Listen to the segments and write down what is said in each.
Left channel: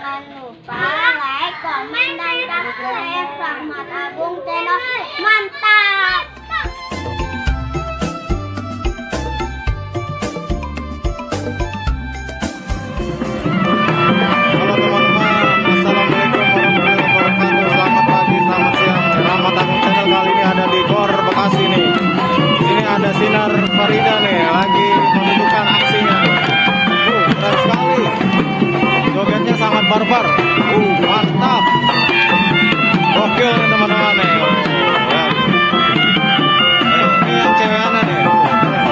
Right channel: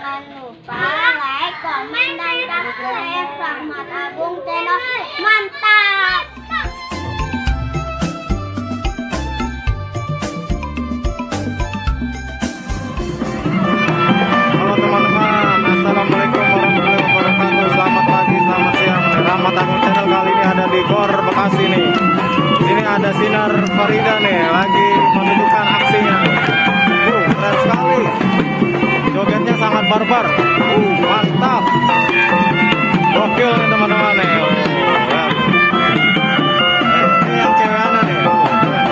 Jangan lupa like, komen, dan subscribe Rahmat Agung Channel. Mantap! Halo teman-teman, assalamualaikum warahmatullahi wabarakatuh. Selamat pagi, selamat siang. Rahmat Agung Channel kali ini ada di Gor Bekasi nih. Ini ada Sinar Farida nih, lagi menunjukkan aksinya. Keren sekali. Jogetnya sangat barbar. Mantap. Gokil nih teman-teman nih. Lihat. Ini yang cewekannya nih. Keren.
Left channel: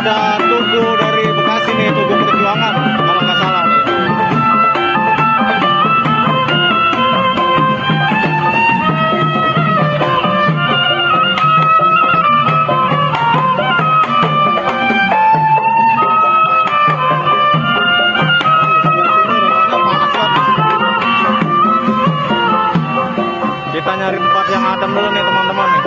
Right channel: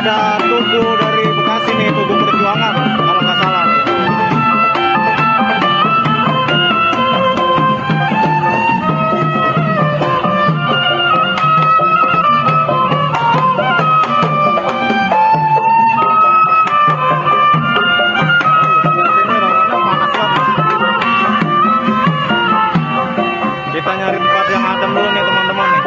Ada Tugu dari Bekasi nih, Tugu Perjuangan kalau nggak salah nih. Ini rokonya panas banget. Kita nyari tempat yang adem dulu nih teman-teman nih.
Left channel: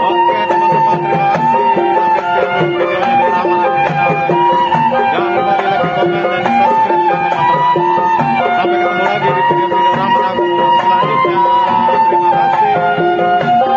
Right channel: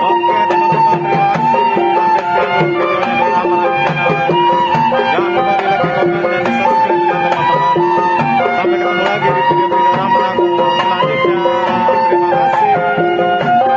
Oke teman-teman, terima kasih. Sampai sekian dulu videonya dari Rahmat Agung Channel. Jangan lupa di like, komen, dan di subscribe ya teman-teman. Sampai ketemu lagi di video-video Rahmat Agung selanjutnya. Terima kasih.